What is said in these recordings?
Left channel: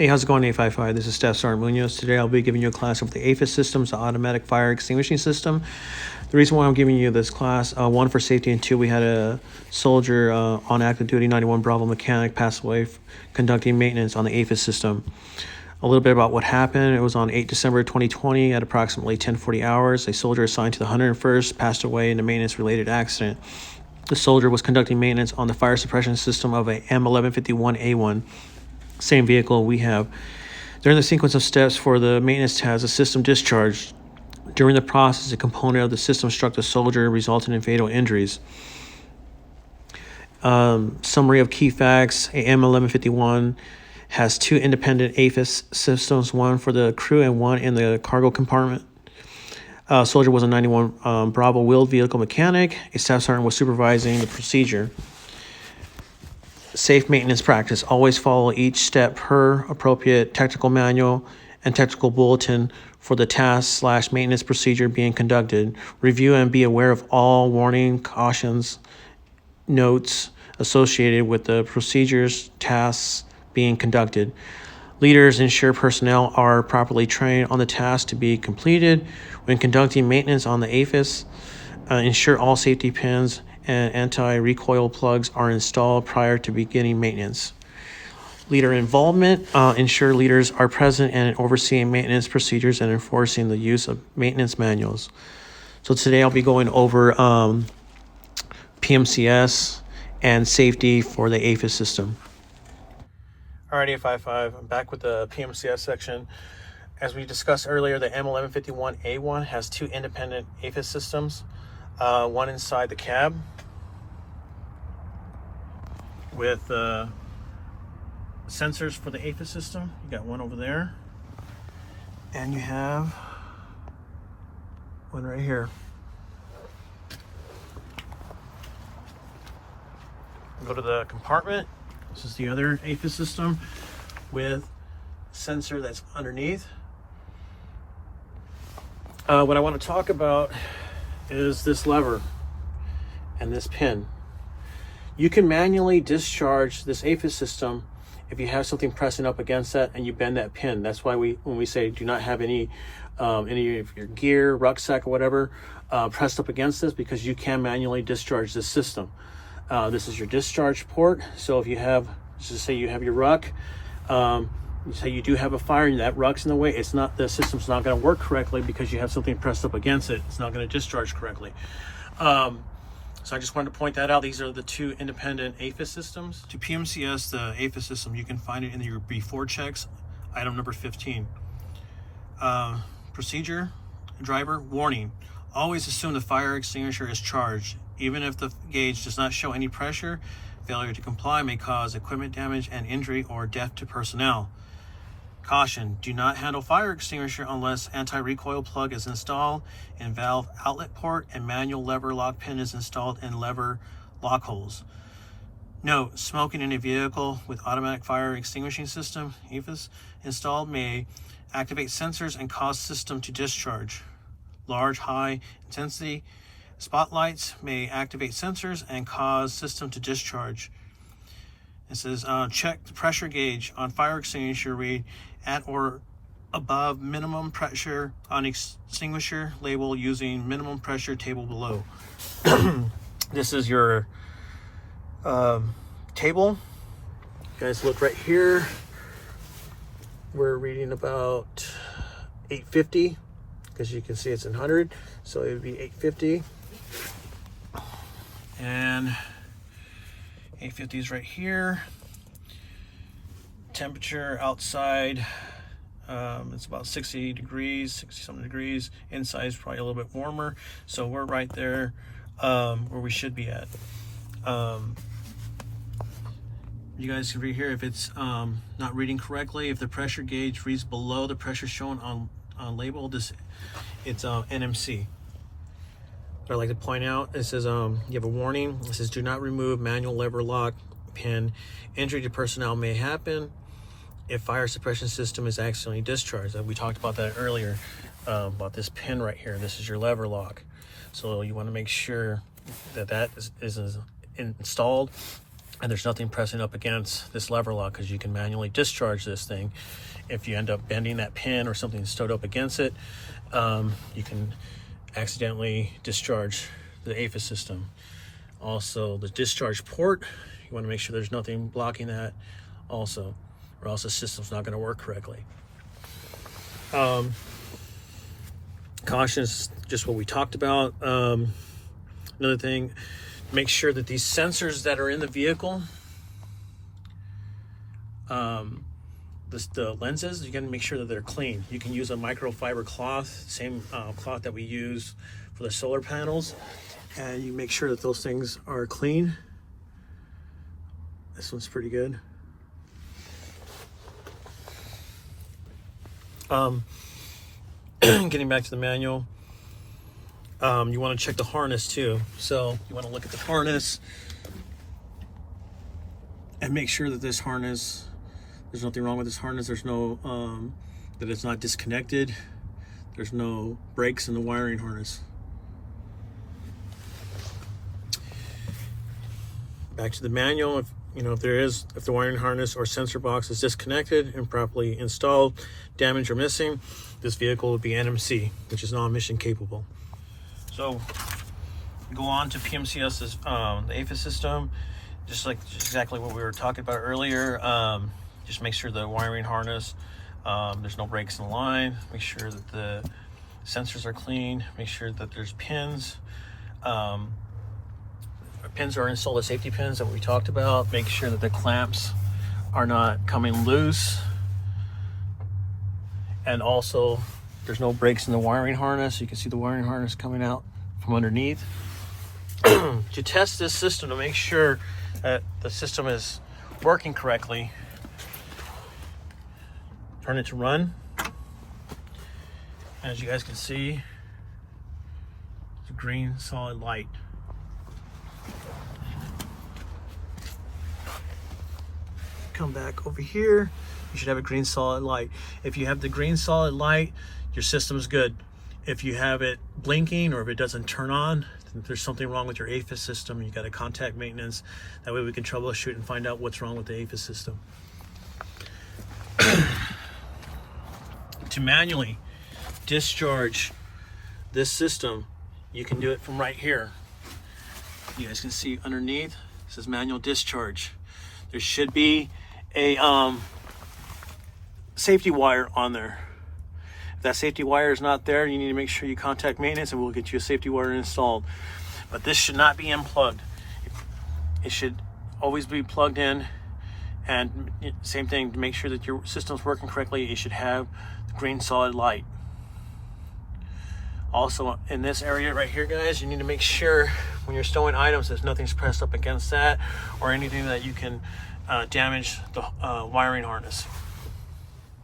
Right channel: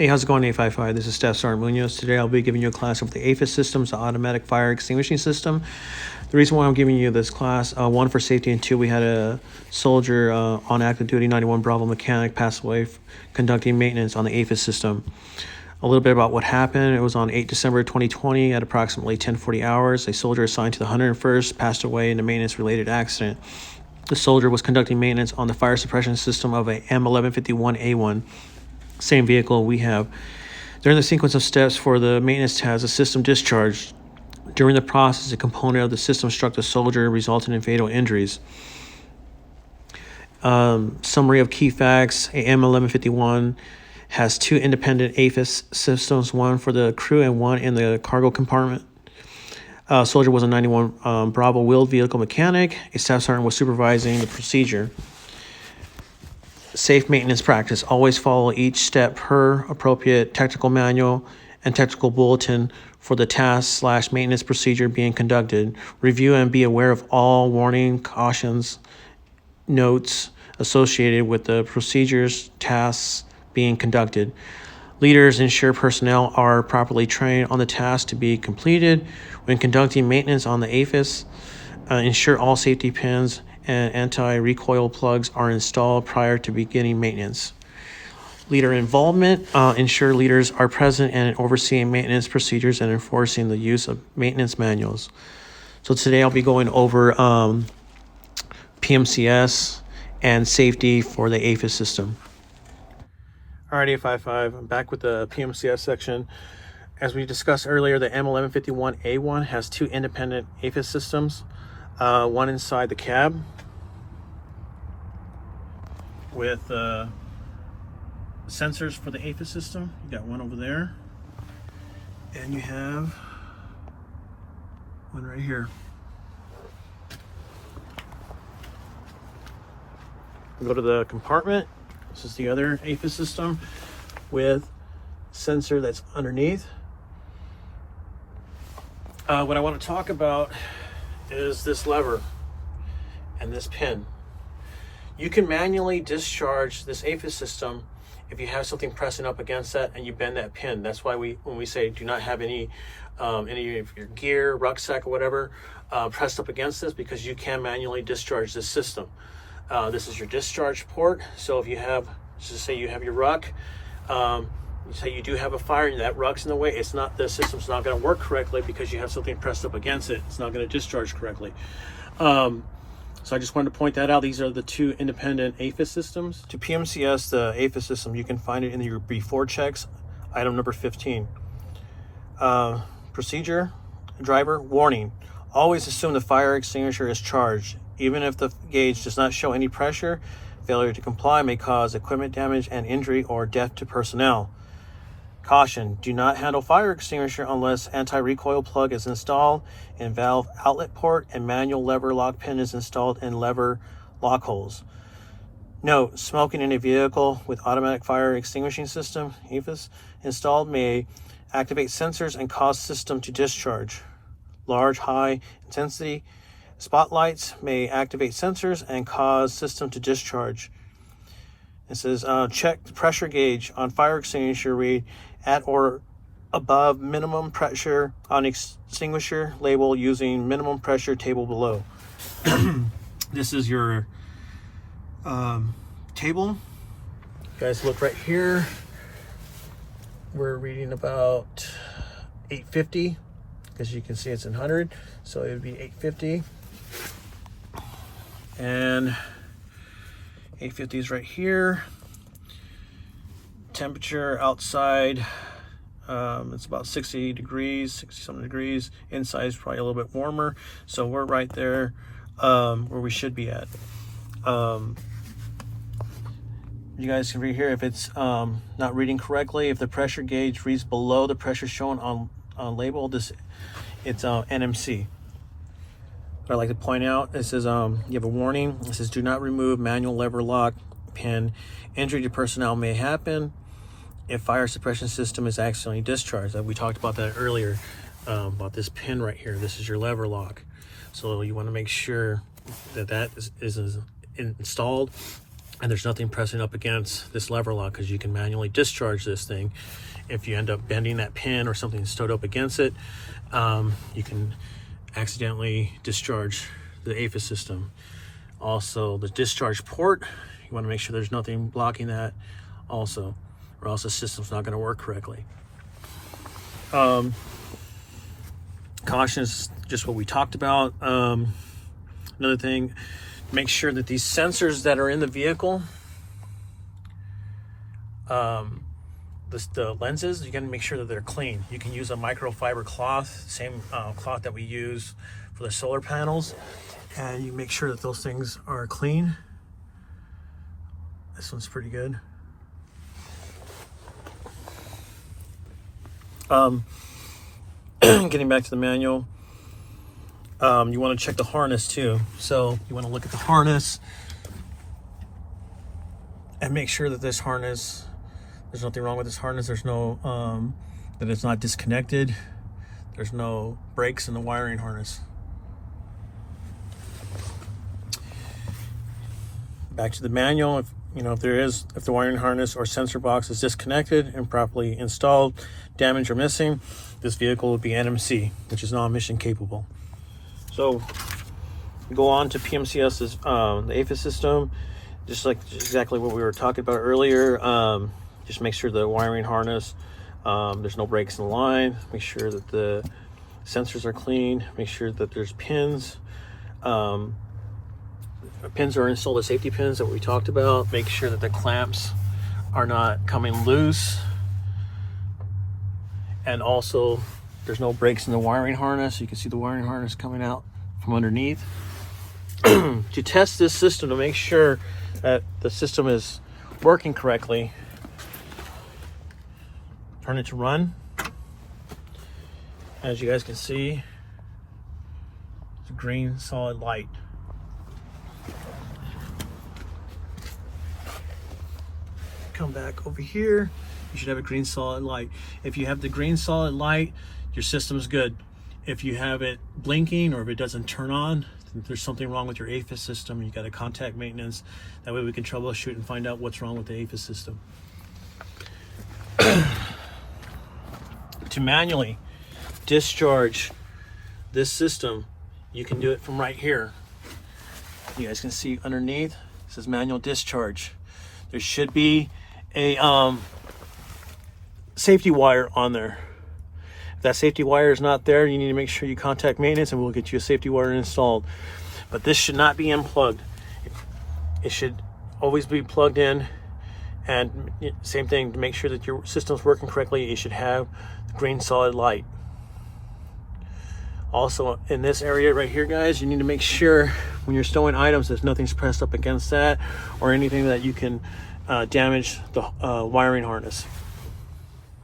Hey, how's it going, 855? This is Staff Sergeant Munoz. Today I'll be giving you a class of the AFES Systems, the automatic fire extinguishing system. The reason why I'm giving you this class, one, for safety, and two, we had a soldier on active duty, 91 Bravo mechanic, pass away conducting maintenance on the AFES system. A little bit about what happened. It was on 8 December 2020 at approximately 10:40 hours. A soldier assigned to the 101st passed away in a maintenance-related accident. The soldier was conducting maintenance on the fire suppression system of a M1151A1. Same vehicle we have. During the sequence of steps for the maintenance task, the system discharged. During the process, a component of the system struck the soldier, resulting in fatal injuries. Summary of key facts: a M1151 has two independent AFES systems, one for the crew and one in the cargo compartment. Soldier was a 91 Bravo wheeled vehicle mechanic. A staff sergeant was supervising the procedure. Safe maintenance practice: always follow each step per appropriate technical manual and technical bulletin for the task/maintenance procedure being conducted. Review and be aware of all warning, cautions, notes associated with the procedures, tasks being conducted. Leaders ensure personnel are properly trained on the task to be completed. When conducting maintenance on the AFES, ensure all safety pins and anti-recoil plugs are installed prior to beginning maintenance. Leader involvement: ensure leaders are present and overseeing maintenance procedures and enforcing the use of maintenance manuals. So today I'll be going over PMCS and safety for the AFES system. Alrighty, 855, I'm back with the PMCS section. As we discussed earlier, the M1151A1 has two independent AFES systems. One inside the cab with sensors for the AFES system. You got one over there, and you have one right here. Go to the compartment. This is the other AFES system with sensor that's underneath. What I want to talk about is this lever and this pin. You can manually discharge this AFES system if you have something pressing up against that and you bend that pin. That's why when we say do not have any of your gear, rucksack, or whatever pressed up against this, because you can manually discharge this system. This is your discharge port. So if you have, just say you have your ruck, say you do have a fire and that ruck's in the way, the system's not going to work correctly because you have something pressed up against it. It's not going to discharge correctly. So I just wanted to point that out. These are the two independent AFES systems. To PMCS, the AFES system, you can find it in your before checks, item number 15. Procedure: driver, warning: always assume the fire extinguisher is charged. Even if the gauge does not show any pressure, failure to comply may cause equipment damage and injury or death to personnel. Caution: do not handle fire extinguisher unless anti-recoil plug is installed in valve outlet port and manual lever lock pin is installed in lever lock holes. Note: smoking in a vehicle with automatic fire extinguishing system, AFES, installed may activate sensors and cause system to discharge. Large, high intensity spotlights may activate sensors and cause system to discharge. It says check the pressure gauge on fire extinguisher, read at or above minimum pressure on extinguisher label using minimum pressure table below. This is your table. You guys look right here. We're reading about 850 because you can see it's in 100, so it would be 850. And 850 is right here. Temperature outside, it's about 60 degrees, 60 something degrees. Inside is probably a little bit warmer. So we're right there where we should be at. You guys can read here if it's not reading correctly. If the pressure gauge reads below the pressure shown on label, it's NMC. I'd like to point out, it says you have a warning. It says do not remove manual lever lock pin. Injury to personnel may happen if fire suppression system is accidentally discharged. We talked about that earlier, about this pin right here. This is your lever lock. So you want to make sure that is installed and there's nothing pressing up against this lever lock, because you can manually discharge this thing. If you end up bending that pin or something stowed up against it, you can accidentally discharge the AFES system. Also, the discharge port, you want to make sure there's nothing blocking that also, or else the system's not going to work correctly. Caution is just what we talked about. Another thing, make sure that these sensors that are in the vehicle, the lenses, you got to make sure that they're clean. You can use a microfiber cloth, same cloth that we use for the solar panels, and you make sure that those things are clean. This one's pretty good. Getting back to the manual, you want to check the harness too. So you want to look at the harness and make sure that this harness, there's nothing wrong with this harness. There's no, that it's not disconnected. There's no breaks in the wiring harness. Back to the manual. If the wiring harness or sensor box is disconnected and properly installed, damaged or missing, this vehicle would be NMC, which is non-mission capable. So go on to PMCS's the AFES system, just like exactly what we were talking about earlier. Just make sure the wiring harness, there's no breaks in the line. Make sure that the sensors are clean. Make sure that there's pins. Pins are installed, the safety pins that we talked about. Make sure that the clamps are not coming loose. And also, there's no breaks in the wiring harness. You can see the wiring harness coming out from underneath. To test this system to make sure that the system is working correctly, turn it to run. As you guys can see, it's a green solid light. Come back over here, you should have a green solid light. If you have the green solid light, your system's good. If you have it blinking or if it doesn't turn on, then there's something wrong with your AFES system. You got to contact maintenance. That way we can troubleshoot and find out what's wrong with the AFES system. To manually discharge this system, you can do it from right here. You guys can see underneath, it says manual discharge. There should be a safety wire on there. If that safety wire is not there, you need to make sure you contact maintenance and we'll get you a safety wire installed. But this should not be unplugged. It should always be plugged in, and same thing, to make sure that your system's working correctly, you should have the green solid light. Also, in this area right here, guys, you need to make sure when you're stowing items that nothing's pressed up against that or anything that you can damage the wiring harness.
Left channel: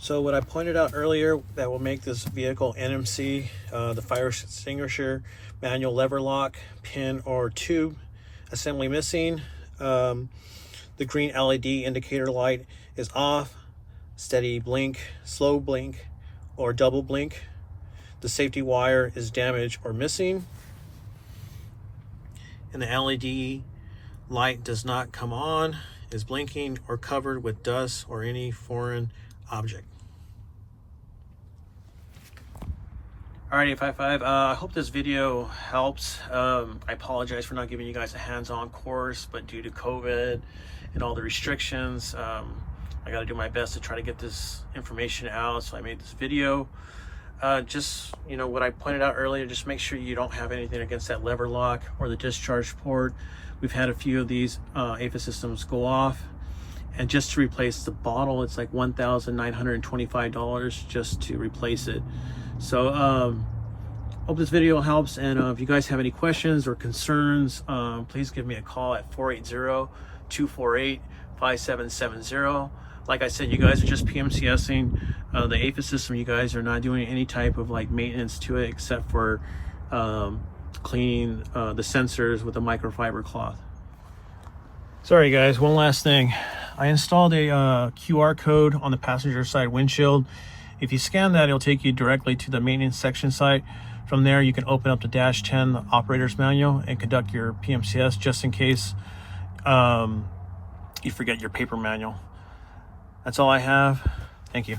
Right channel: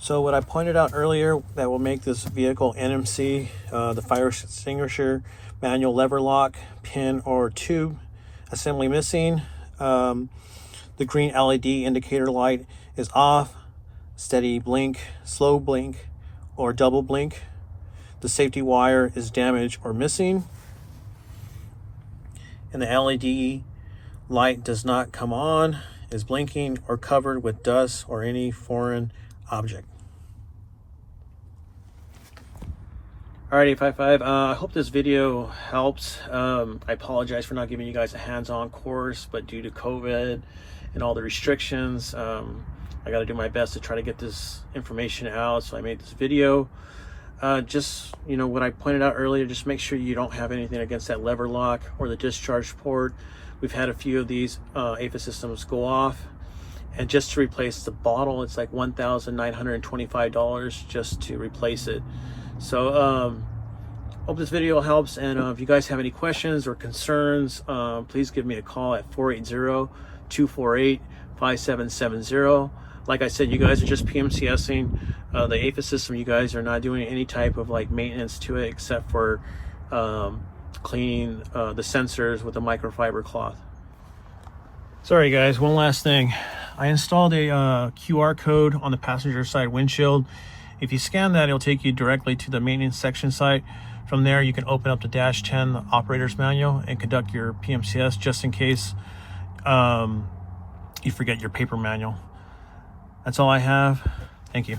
So what I pointed out earlier that will make this vehicle NMC, the fire extinguisher, manual lever lock, pin or tube assembly missing, the green LED indicator light is off, steady blink, slow blink, or double blink. The safety wire is damaged or missing, and the LED light does not come on, is blinking, or covered with dust or any foreign object. Alright, 855, I hope this video helps. I apologize for not giving you guys a hands-on course, but due to COVID and all the restrictions, I got to do my best to try to get this information out, so I made this video. Just, what I pointed out earlier, just make sure you don't have anything against that lever lock or the discharge port. We've had a few of these AFES systems go off, and just to replace the bottle, it's like $1,925 just to replace it. So hope this video helps, and if you guys have any questions or concerns, please give me a call at 480-248-5770. Like I said, you guys are just PMCSing the AFES system. You guys are not doing any type of maintenance to it except for cleaning the sensors with a microfiber cloth. Sorry guys, one last thing. I installed a QR code on the passenger side windshield. If you scan that, it'll take you directly to the maintenance section site. From there, you can open up the dash 10 operator's manual and conduct your PMCS, just in case you forget your paper manual. That's all I have. Thank you.